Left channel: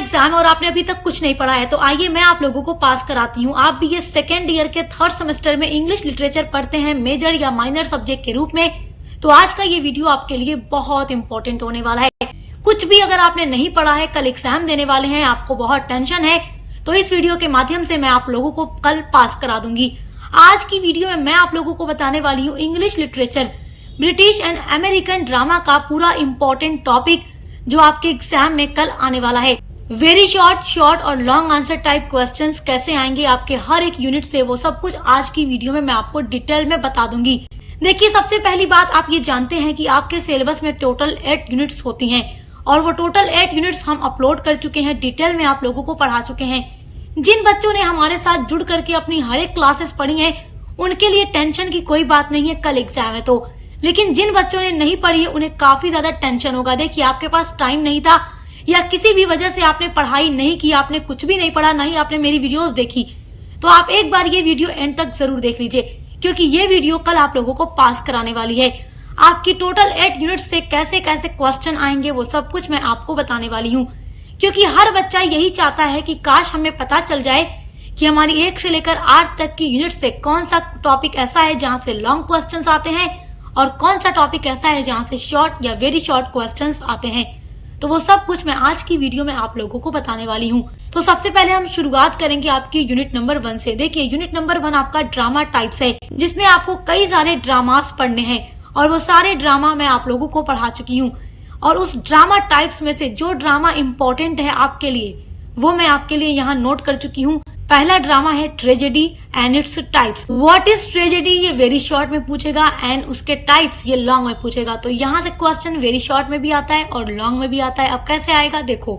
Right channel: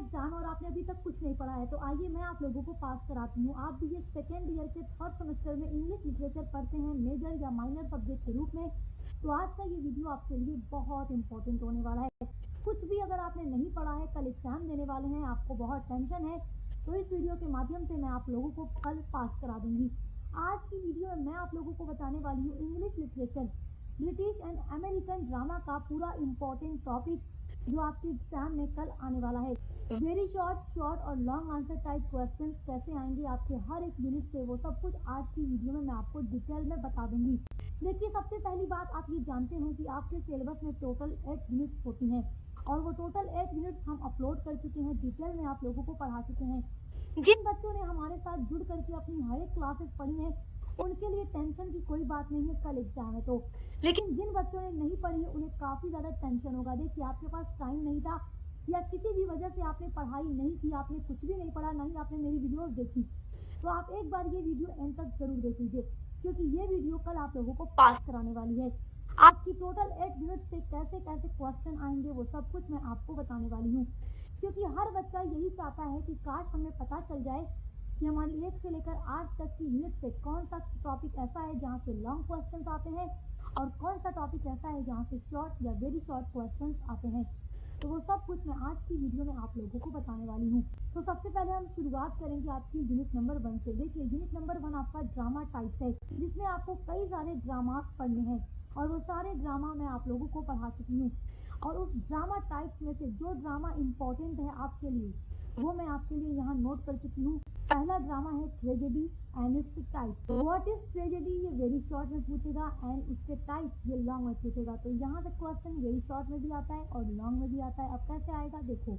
Exam और आपने अभी तक कुछ नहीं पढ़ा है तो आइए मैं आप लोगों को पास कराती हूँ। आप भी ये सेकेंड ईयर के थर्ड सेमेस्टर में इंग्लिश लिटरेचर पढ़ते हैं मेजर या माइनर सब्जेक्ट के रूप में, तो आज का ये वीडियो आपके लिए बहुत इंपॉर्टेंट होने वाला है। कुछ भी अगर आपने नहीं पढ़ा है, कल एग्जाम देने वाले हैं, आपको बहुत टेंशन है, तो इस वीडियो के माध्यम से मैं आप लोगों को कल पास करा दूंगी। आज की वीडियो में मैं आप लोगों को बताने वाली हूँ English literature British and American drama का पूरा इंपॉर्टेंट टॉपिक जो आपके एग्जाम में कल आने वाला है। वेरी शॉर्ट और लॉन्ग आंसर टाइप क्वेश्चंस कैसे आएंगे आपके हर एक यूनिट से, वो सब कुछ आज की वीडियो में मैं आपको डिटेल में बता दूंगी। देखिए, सबसे पहली बात आप ये जानते हैं कि आपके सिलेबस में टोटल 8 यूनिट्स होती हैं और वो टोटल 8 यूनिट्स हम अपलोड कर चुके हैं, डिटेल में आप लोगों को पढ़ा चुके हैं। जिन बच्चों ने हमारे साथ जुड़ करके अपनी हर एक क्लासेस पढ़ी हैं उनके लिए टेंशन की कोई बात नहीं है, कल एग्जाम है तो। लेकिन जिन बच्चों ने नहीं पढ़ी है उन्हें काफी ज्यादा टेंशन होगा। देखिए, आपके पास टाइम नहीं था या किसी भी वजह से आपने पढ़ाई नहीं की, आपने कुछ भी नहीं पढ़ा, नहीं आपने मेरी वीडियोस देखी, तो आप एक बार ये वीडियो एंड तक जरूर देख लीजिए, क्योंकि ये वीडियो कल आप लोगों को पास कराने वाली है। आपकी टोटल 8 यूनिट से कैसे कैसे क्वेश्चन आएंगे वो सब कुछ मैं आपको बताने वाली हूँ, क्योंकि हर बच्चा यही चाहता है कि काश हमें पता चल जाए कि हमारी 1 से लेकर 8 तक की यूनिट से कौन सा टॉपिक ऐसा है जहाँ से लॉन्ग क्वेश्चंस आते हैं और कौन सा टॉपिक ऐसा है जहाँ से शॉर्ट या वेरी शॉर्ट क्वेश्चंस आते हैं। तो वो सब कुछ मैं आज की वीडियो में आप लोगों को बताने वाली हूँ। तो सबसे पहले हम शुरुआत करेंगे आपकी यूनिट नंबर 1 से। देखिए, यूनिट नंबर 1 आपका ड्रामा टाइप्स है, जिसमें आपको कई सारे ड्रामास पढ़ने हैं और वो सारे ड्रामा मैं आप लोगों को पढ़ा चुकी हूँ। और उस ड्रामा टाइप्स में से जो ड्रामा इम्पोर्टेंट है आपके लिए वो मैं आपके लिए यहाँ नोट कर चुकी हूँ। पहला ड्रामा है tragedy and its types. What is tragedy ये वेरी शॉर्ट में पूछेगा एंड उसके टाइप्स ये लॉन्ग में पूछेगा। तो यहाँ से क्वेश्चन वेरी शॉर्ट में भी आता है और लॉन्ग में भी आता है। अब कैसे आएगा देखो,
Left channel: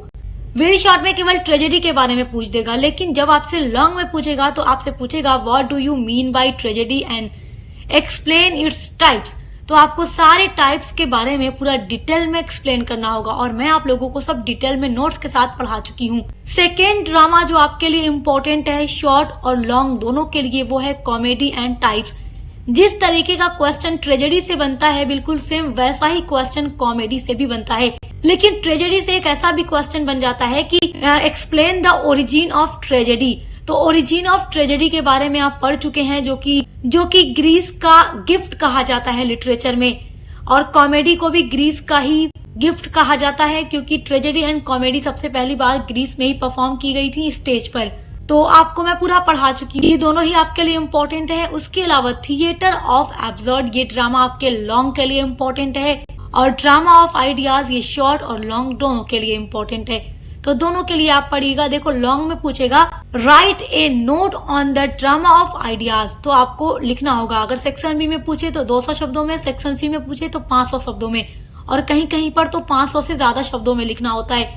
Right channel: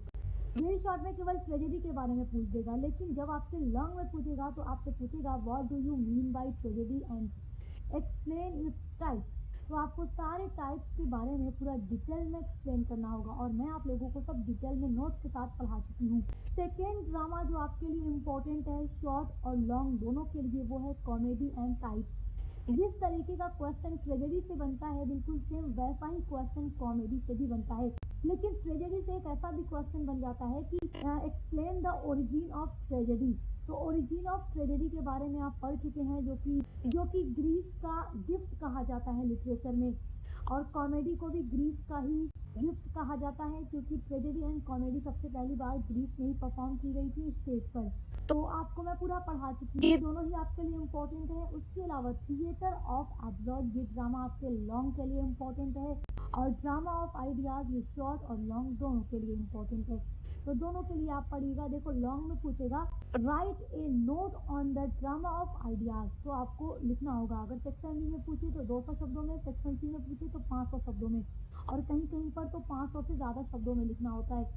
वेरी शॉर्ट में केवल ट्रेजेडी के बारे में पूछ देगा, लेकिन जब आपसे लॉन्ग में पूछेगा तो आपसे पूछेगा what do you mean by tragedy and explain its types. तो आपको सारे टाइप्स के बारे में पूरा डिटेल में एक्सप्लेन करना होगा और मैं आप लोगों को सब डिटेल में नोट्स के साथ पढ़ा चुकी हूँ। सेकेंड ड्रामा जो आपके लिए इम्पोर्टेंट है शॉर्ट और लॉन्ग दोनों के लिए, वो है कॉमेडी एंड टाइप्स। जिस तरीके का क्वेश्चन ट्रेजेडी से बनता है बिल्कुल सेम वैसा ही क्वेश्चन कॉमेडी से भी बनता है, लेकिन ट्रेजेडी से एक ऐसा भी क्वेश्चन बन जाता है कि explain the origin of tragedy. तो ओरिजिन ऑफ ट्रेजेडी के बारे में आप पढ़ चुके हैं, जो कि ग्रीस का गिफ्ट कहा जाता है लिटरेचर में, और कॉमेडी को भी ग्रीस का ही गिफ्ट कहा जाता है, क्योंकि ट्रेजेडी एंड कॉमेडी सबसे पहली बार ग्रीस में ही परफॉर्म की गई थी स्टेज पर। तो आपको मैं पूरा पढ़ा चुकी हूँ, ये दोनों ही आपके लिए इम्पोर्टेंट है। उसके अलावा थिएटर ऑफ एब्सर्ड ये ड्रामा आपके लॉन्ग के लिए इम्पोर्टेंट है, और ड्रामा ऑफ आइडियाज ये शॉर्ट और लॉन्ग दोनों के लिए इम्पोर्टेंट है। तो दोनों के लिए आप पढ़िएगा। देखो, लॉन्ग में पूछेगा right A note on the drama of ideas, तो आपको लिखना होगा। अगर सेक्शन बी में पूछे तो 200 शब्दों में, सेक्शन सी में पूछे तो 500 शब्दों में, और कहीं कहीं पर तो 500 से ज्यादा शब्दों में लिखना होता है,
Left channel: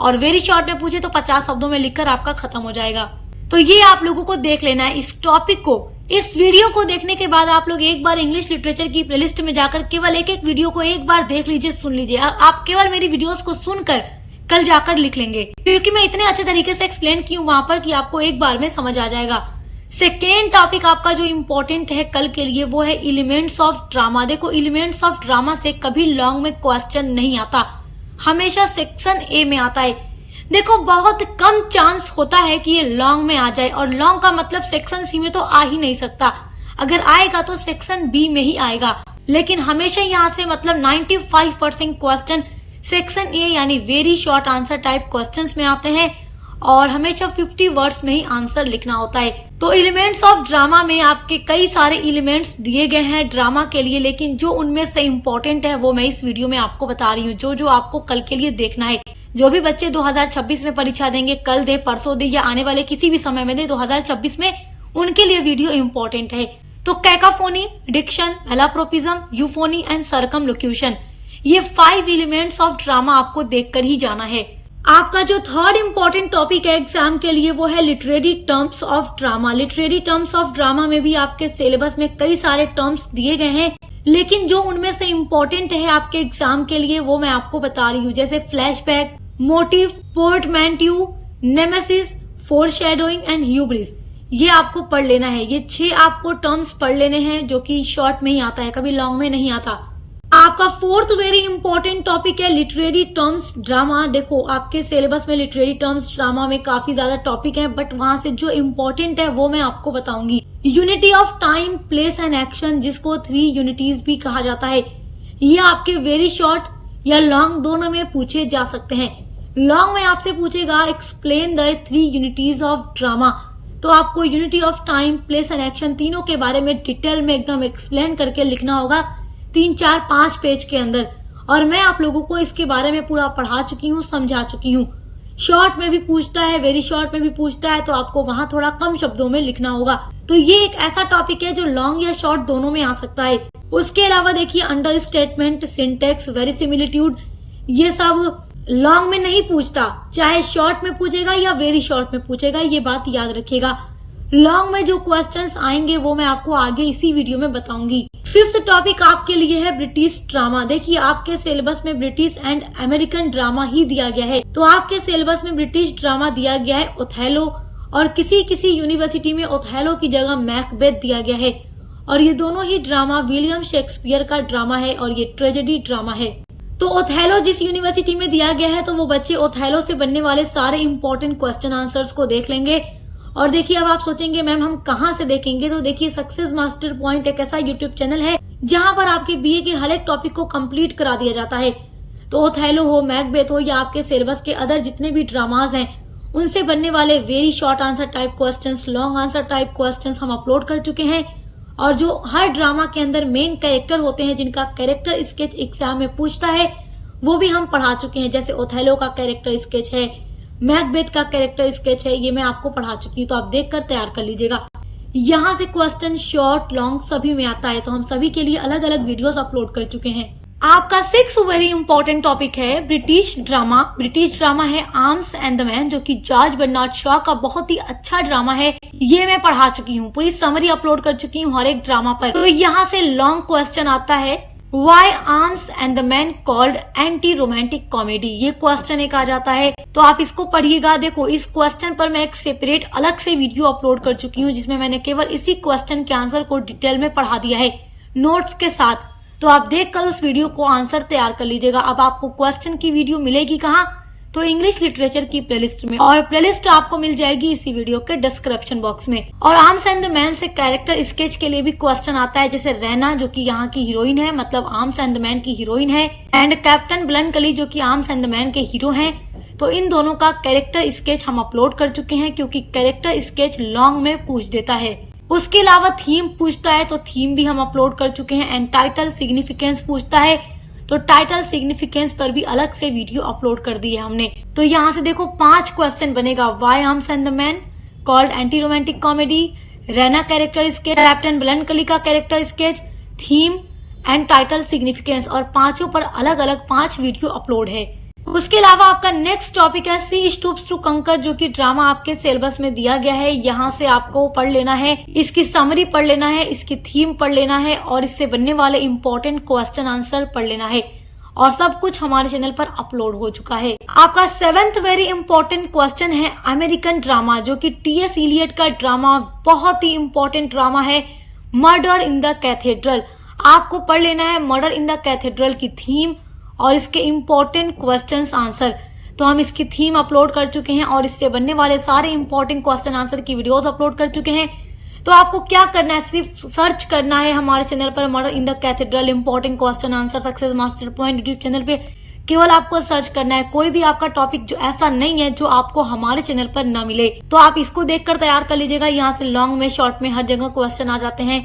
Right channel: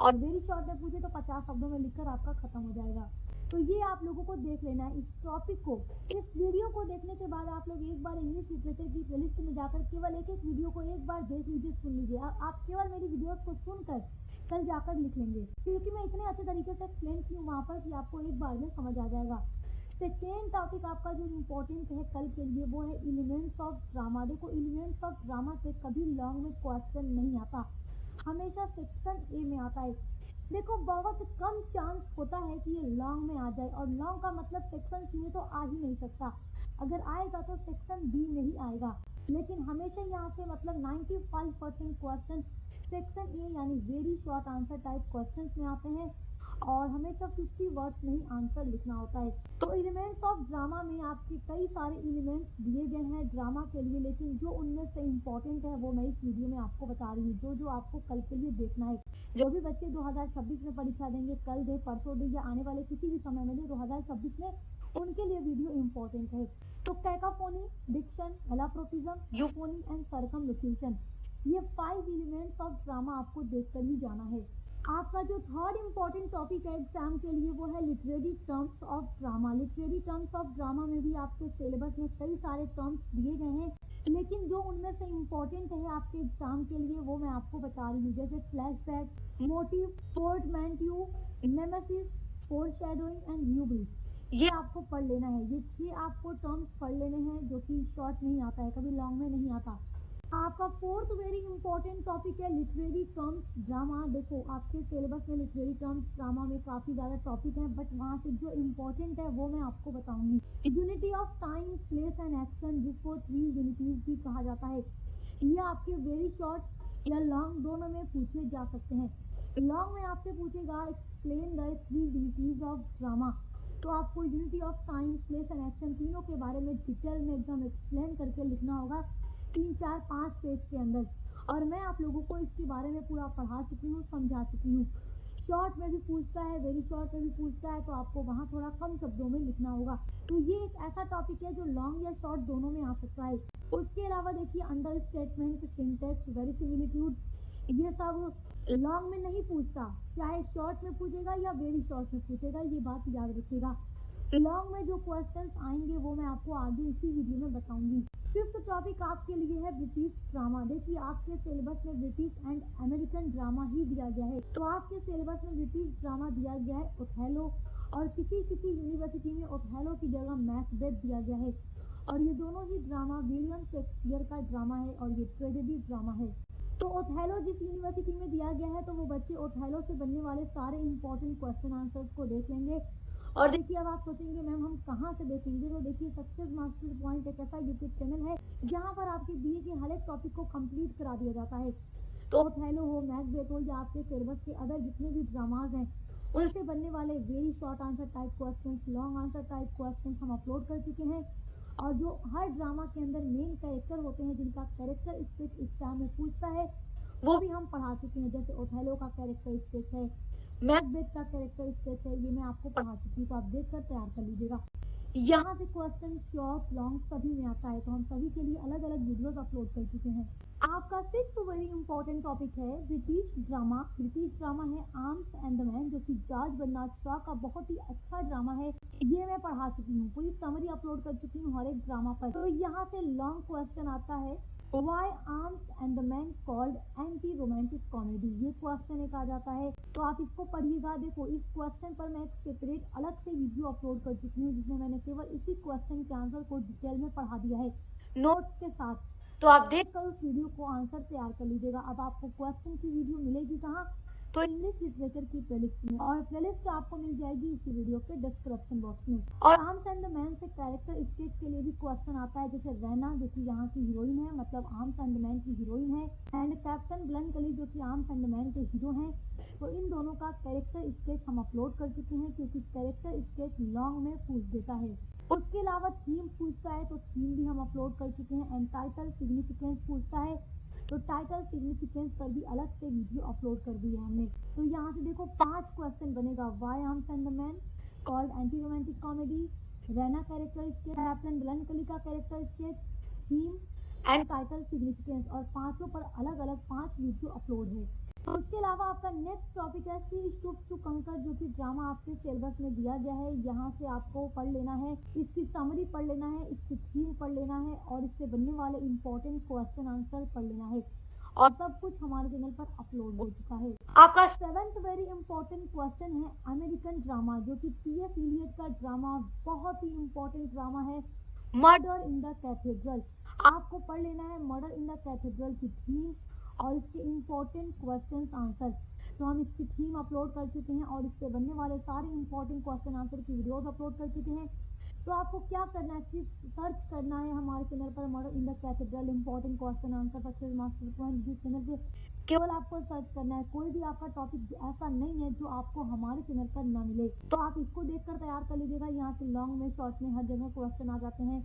और वेरी शॉर्ट में पूछे तो 50 शब्दों में लिखकर आपका खत्म हो जाएगा। तो ये आप लोगों को देख लेना है इस टॉपिक को। इस वीडियो को देखने के बाद आप लोग एक बार इंग्लिश लिटरेचर की प्लेलिस्ट में जाकर केवल एक वीडियो को एक बार देख लीजिए, सुन लीजिए। आप केवल मेरी वीडियोस को सुनकर कल जाकर लिख लेंगे, क्योंकि मैं इतने अच्छे तरीके से एक्सप्लेन की हूँ वहां पर कि आपको एक बार में समझ आ जाएगा। सेकेंड टॉपिक आपका जो इम्पोर्टेंट है कल के लिए वो है एलिमेंट्स ऑफ ड्रामा। देखो, एलिमेंट्स ऑफ ड्रामा से कभी लॉन्ग में क्वेश्चन नहीं आता, हमेशा सेक्शन ए में आता है। देखो, बहुत कम चांस होता है कि ये लॉन्ग में आ जाए, और लॉन्ग का मतलब सेक्शन सी में तो आ ही नहीं सकता। अगर आएगा तो सेक्शन बी में ही आएगा, लेकिन हमेशा यहाँ से मतलब 95% क्वेश्चन सेक्शन ए यानी very short answer type questions में आते हैं, और हमेशा 50 वर्ड्स में ही आंसर लिखना होता है। तो एलिमेंट्स ऑफ ड्रामा में आपके कई सारे एलिमेंट्स दिए गए हैं ड्रामा के लिए, लेकिन जो उनमें से इम्पोर्टेंट है वो मैं इस वीडियो में आपको बता रही हूँ, जो आपको कल के लिए देखना है। जो भी बच्चे 2026 में परीक्षा देंगे, कल दे, परसों दे, या आने वाले किसी भी समय में दे 2026 में, उनके लिए वीडियो इम्पोर्टेंट है। तो कैकाफोनी, डिक्शन, एलाप्रोपिज्म, यूफोनी एंड सर्कमलोक्यूशन, ये 5 एलिमेंट्स ऑफ ड्रामा आपको देखकर ही जाना है। आपका जो थर्ड इम्पोर्टेंट टॉपिक है एग्जाम के लिए वो है literary terms of drama. Literary terms of drama में भी आपके सिलेबस में कई सारे टर्म्स दिए गए हैं, लेकिन जो उनमें से इम्पोर्टेंट है आपके एग्जाम के लिए वो मैं आपको बता रही हूँ, जैसे flashback, motif, portmanteau, nemesis, foreshadowing and hubris. ये आपको पढ़ लेना है। ये 6 आपको टर्म्स पढ़ लेने हैं, जो कि शॉर्ट में ही आता है, कभी लॉन्ग में नहीं आता। आपका फोर्थ वेरी इंपॉर्टेंट टॉपिक है लिटरेरी टर्म्स ड्रामा। देखो आपके सिलेबस में लिटरेरी टर्म्स ड्रामा में काफी ज्यादा टॉपिक हैं, बट वहां से जो इम्पोर्टेंट है वो मैं आपको बताऊंगी। Unity of time, place and action, जिसको 3 यूनिटीज भी कहा जाता है, ये आपके वेरी शॉर्ट या लॉन्ग दोनों में पूछे जा सकते हैं। लॉन्ग में आपसे पूछेगा explain the 3 unities of drama, तो आपको unity of time, place and action तीनों के बारे में डिटेल में एकदम एक्सप्लेन करके लिखना होगा 3, 4, 5 पेज के अंदर। और मैं आप लोगों को इसके बारे में पूरा पढ़ा चुकी हूँ, समझा चुकी हूँ। शॉर्ट में भी पूछता है, वेरी शॉर्ट में भी पूछता है, तो आपको वहां थोड़ा कम शब्दों में लिखना होगा। तो ये एक ऐसा टॉपिक है जो लॉन्ग या शॉर्ट दोनों में आ सकता है। उसके अलावा देखिए अंडर स्टेटमेंट, सिंटेक्स, वेरिसिमिलिट्यूड, ये सब लॉन्ग में नहीं पूछता, चाहे शॉर्ट में पूछेगा या वेरी शॉर्ट में पूछेगा, ये बात याद रखिएगा। लॉन्ग में जो क्वेश्चंस आएंगे वो मैं आपको आगे इसी वीडियो में बताऊंगी। 5th टॉपिक आपके लिए है ब्रिटिश ड्रामा। देखिए आपके सिलेबस में ब्रिटिश एंड अमेरिकन ड्रामा ही दिया गया है, तो आपके सिलेबस में ब्रिटिश ड्रामा दिया गया है ओथेलो, और किसी किसी यूनिवर्सिटी में ओथेलो की जगह मैकबेथ दिया गया है। और ये दोनों ही ड्रामा विलियम शेक्सपियर का ड्रामा है और ये ट्रेजेडी ड्रामा है। तो ओथेलो जिस यूनिवर्सिटी में दिया गया है, तो वो बच्चे ओथेलो से बनने वाले सारे इंपॉर्टेंट क्वेश्चन आंसर्स को देख लेंगे। और देखिए अब आप सोचेंगे मैम हम कहाँ से देखेंगे, तो देखिए सक्सेस मास्टर पॉइंट एक ऐसा यूट्यूब चैनल है जहाँ पर आपके बीए के हर एक टॉपिक को कंप्लीट करा दिया जाता है। तो ओथेलो हो, मैकबेथ हो, या आपके सिलेबस के अदर जितने भी ड्रामाज हैं उनसे बनने वाले very short answer type questions, long answer type questions हम अपलोड कर चुके हैं। और जो हर ड्रामा के अंदर मेन कैरेक्टर होते हैं, जिनका कैरेक्टर स्केच एग्जाम में पूछता है, वो भी हम पढ़ा चुके हैं। जैसे ओथेलो का कैरेक्टर स्केच है, मैकबेथ का कैरेक्टर स्केच है, ये मैं आपको पढ़ा चुकी हूँ, तो आप देखकर तैयार कर लीजिएगा। यहाँ से क्वेश्चन शॉर्ट लॉन्ग सभी में आता है, तो हम सभी के लिए अलग अलग वीडियोस अपलोड कर चुके हैं। आपका 6th वेरी इंपॉर्टेंट टॉपिक है ब्रिटिश ड्रामा। ब्रिटिश ड्रामा है आर्म्स एंड द मैन, जो कि जॉर्ज बर्नार्ड शॉ का बहुत ही अच्छा ड्रामा है। ये मैं पढ़ा चुकी हूँ, पूरी समरी अपलोड कर चुकी हूँ हर एक ड्रामा पर। तो यहाँ से लॉन्ग क्वेश्चन आता है, why arms and the man called anti romantic comedy, ये क्वेश्चन एक आ जाता है, तो आप इसको पढ़िएगा। देखो इस क्वेश्चन पर मैं एक सेपरेट अलग से वीडियो अपलोड कर चुकी हूँ, जिसमें मैंने केवल इसी क्वेश्चन के आंसर को डिटेल में पढ़ा दिया है नोट्स के साथ। तो आप देखकर उस वीडियो को आंसर तैयार कर लीजिएगा। अब आपको क्वेश्चन की वीडियो मिलेगी कहाँ, तो इंग्लिश लिटरेचर की प्लेलिस्ट में, और प्लेलिस्ट आपको मिल जाएगी इसी वीडियो के डिस्क्रिप्शन बॉक्स में। और आर्म्स एंड द मैन से कैरेक्टर स्केच के लिए भी क्वेश्चन आता है, जैसे रैना जो कि यहाँ की हीरोइन है, मतलब आर्म्स एंड द मैन की हीरोइन है, एंड कैप्टन ब्लनकली जो कि आर्म्स एंड द मैन के हीरो हैं। तो इन दोनों का कैरेक्टर स्केच हम अपलोड कर चुके हैं, क्योंकि कैरेक्टर स्केच लॉन्ग में पूछ देता है। उसके अलावा थीम पूछता है, तो थीम भी हम अपलोड कर चुके हैं। एंड टाइटल सिग्निफिकेंस पूछता है, तो टाइटल सिग्निफिकेंस पर भी अलग से वीडियो अपलोड कर दी है हमने। तो यहाँ से देखो 5 क्वेश्चन बनेगा, why arms and the man called anti romantic comedy, Raina character sketch, captain Bluntschli का character sketch, theme and title significance, और पांचों पर अलग अलग 5 वीडियो अपलोड है। उसके अलावा आपका नेक्स्ट टॉपिक है सी स्टूप्स टू कंकर, जो कि ड्रामा आपके सिलेबस में दिया गया है। यहाँ से आपको पढ़ लेना है, इसकी समरी पढ़ लेना है, इसकी थीम पढ़ लेना है, और इससे बनने वाले इंपॉर्टेंट क्वेश्चन आंसर पढ़ लेना है। और सब कुछ हमारे चैनल पर अपलोड हो चुका है। आपका 7th वेरी इंपॉर्टेंट क्वेश्चन है अमेरिकन ड्रामा, जो कि टी.एस. इलियट का ड्रामा, बहुत ही इंपॉर्टेंट ड्रामा है, मर्डर इन द कैथेड्रल। आपको पढ़ लेना है मर्डर इन द कैथेड्रल की थीम और इसके इम्पोर्टेंट क्वेश्चंस आंसर। तो हम इसकी थीम अपलोड कर चुके हैं और इससे बनने वाले सारे इंपॉर्टेंट क्वेश्चन आंसर की वीडियोस अपलोड कर चुके हैं। तो आपको क्या करना है, सिर्फ सर्च करना है हमारे चैनल पर murder in the cathedral important question answer success master point YouTube channel पे। केवल आपको सर्च करना है, कोई भी आपका टॉपिक जो ऐसा नहीं है जो आपको हमारे चैनल पर न मिले, तो आप इसको देखकर तैयार कर लीजिएगा। यहाँ से लॉन्ग में, शॉर्ट में, हर जगह क्वेश्चन आ जाते हैं।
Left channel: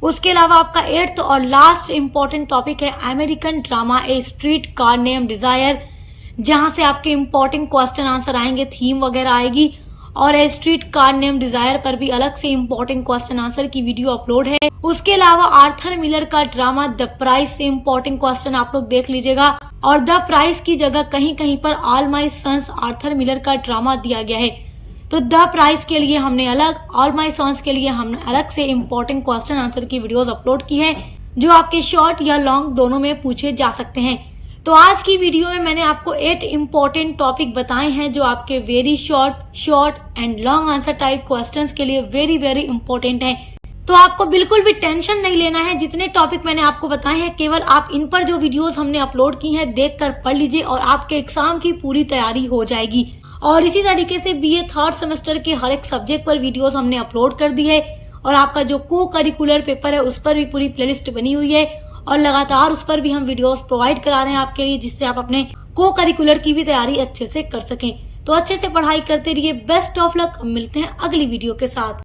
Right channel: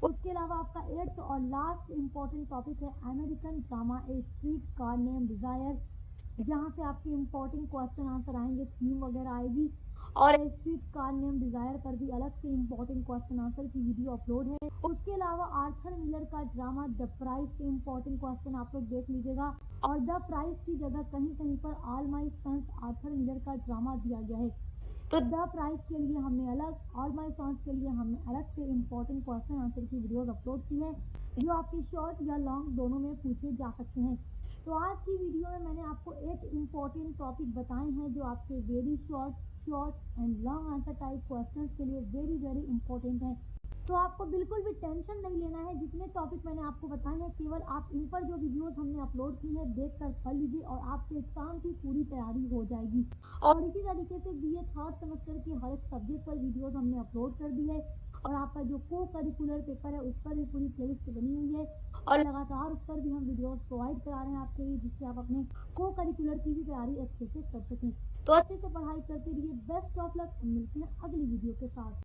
उसके अलावा आपका 8th और लास्ट इंपॉर्टेंट टॉपिक है अमेरिकन ड्रामा ए स्ट्रीट कार नेम डिजायर, जहां से आपके इंपॉर्टेंट क्वेश्चन आंसर आएंगे, थीम वगैरह आएगी। और ए स्ट्रीट कार नेम डिजायर पर भी अलग से इंपॉर्टेंट क्वेश्चन आंसर की वीडियो अपलोड है। उसके अलावा आर्थर मिलर का ड्रामा द प्राइस से इंपॉर्टेंट क्वेश्चन आप लोग देख लीजिएगा। और द प्राइस की जगह कहीं कहीं पर all my sons Arthur Miller का ड्रामा दिया गया है। तो द प्राइस के लिए हमने अलग, ऑल माई सॉन्स के लिए हमने अलग से इंपॉर्टेंट क्वेश्चन आंसर की वीडियोस अपलोड की है, जो आपके शॉर्ट या लॉन्ग दोनों में पूछे जा सकते हैं। तो आज की वीडियो में मैंने आपको 8 इंपॉर्टेंट टॉपिक बताए हैं, जो आपके very short and long answer type questions के लिए वेरी इंपॉर्टेंट हैं। तो आपको बिल्कुल भी टेंशन नहीं लेना है। जितने टॉपिक मैंने आपको बताए हैं केवल आप इन पर जो वीडियोस हमने अपलोड की हैं देखकर पढ़ लीजिए और आपके एग्जाम की पूरी तैयारी हो जाएगी। और इसी तरीके से बीए थर्ड सेमेस्टर के हर एक सब्जेक्ट पर वीडियोस हमने अपलोड कर दी है और आपका जो को करिकुलर पेपर है उस पर भी पूरी प्लेलिस्ट बनी हुई है और लगातार उस पर भी हम वीडियोस प्रोवाइड करा रहे हैं आपके लिए, जिससे आप अपने को करिकुलर की भी तैयारी अच्छे से कर सकें। तो अच्छे से पढ़ाई करते रहिए। Best of luck. मिलते हैं अगली वीडियो के साथ।